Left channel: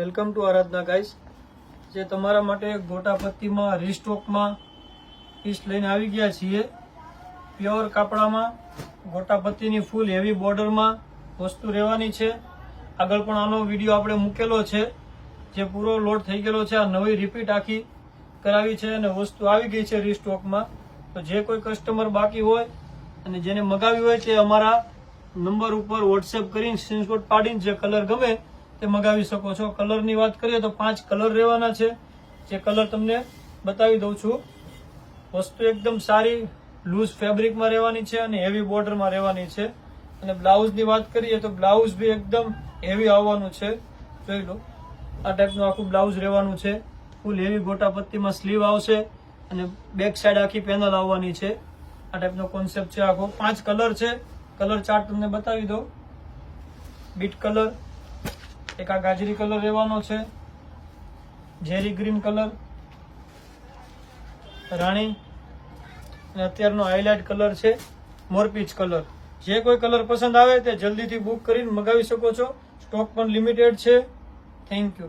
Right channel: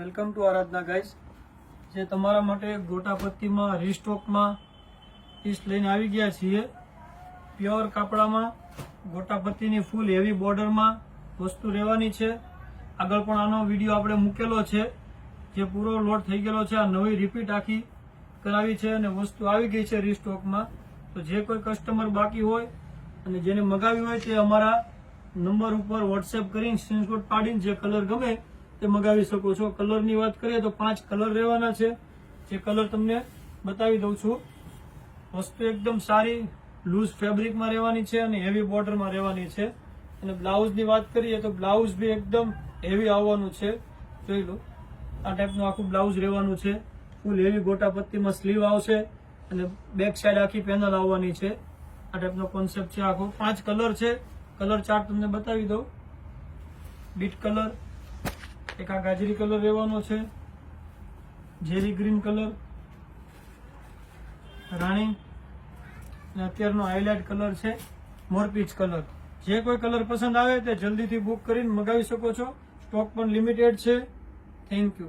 Welcome to Aradhana guys જે તમારા માટે ગોટાપત્તીમાં, રીસ્ટોકમાં પીસ લઈને આવી ગયા છીએ. પ્યોર કાપડામાં, ગોટાપત્તીની ફૂલ હેવી બોર્ડરમાં વસ્તુ રહેવાની છે. આગળ પણ આનો વીડિયો આપણે મૂકેલો છે. જે પૂરો લોડ થઈ ગયેલો છે. આ નવી રિપીટ આખી કરાવી છે અને વસ્તુ આવી ગઈ છે રીસ્ટોકમાં. તો જે કોઈ કસ્ટમર બાકી હોય અને જેને મગાવી હોય તે અમારા નંબર ઉપર વોટ્સએપ કરીને સ્ક્રીનશોટ પાડીને જે કલર ગમે તે મગાવી શકો છો. કલરની વાત કરીએ તો પાંચ કલર રહેવાના છે. જે કલર તમને બતાવી દઉં છું. વસ્તુ એકદમ સારી લૂઝ ફેબ્રિકમાં રહેવાની છે અને હેવી બોર્ડરમાં રહેવાની છે. અને બ્લાઉઝની વાત કરીએ તો બ્લાઉઝ બી એકદમ હેવી આવવાનું છે. જોઈ લો. આ ટાઈપનું આખું બ્લાઉઝ રહેવાનું છે. ફૂલ હેવી ગોટાપત્તીમાં સ્લીવ આવશે અને બેક સાઈડ આખી પેનલ આવવાની છે. આ ટાઈપનો કોન્સેપ્ટ છે આખો. પાંચ કલર છે. કલર ચાર્ટ તમને બતાવી દો બીટ કલર એક આ ગાજરી કલર રહેવાનો છે. ઝેરી ગ્રીન કલર. રાણી. અને અત્યારનો હાઇલાઇટ કલર છે મોરપીચ કલર. જે કોઈ કલર પસંદ આવે તે જલ્દીથી બુક કરીને મગાવી શકો છો. સ્ટોક પણ લિમિટેડ છે. Thank you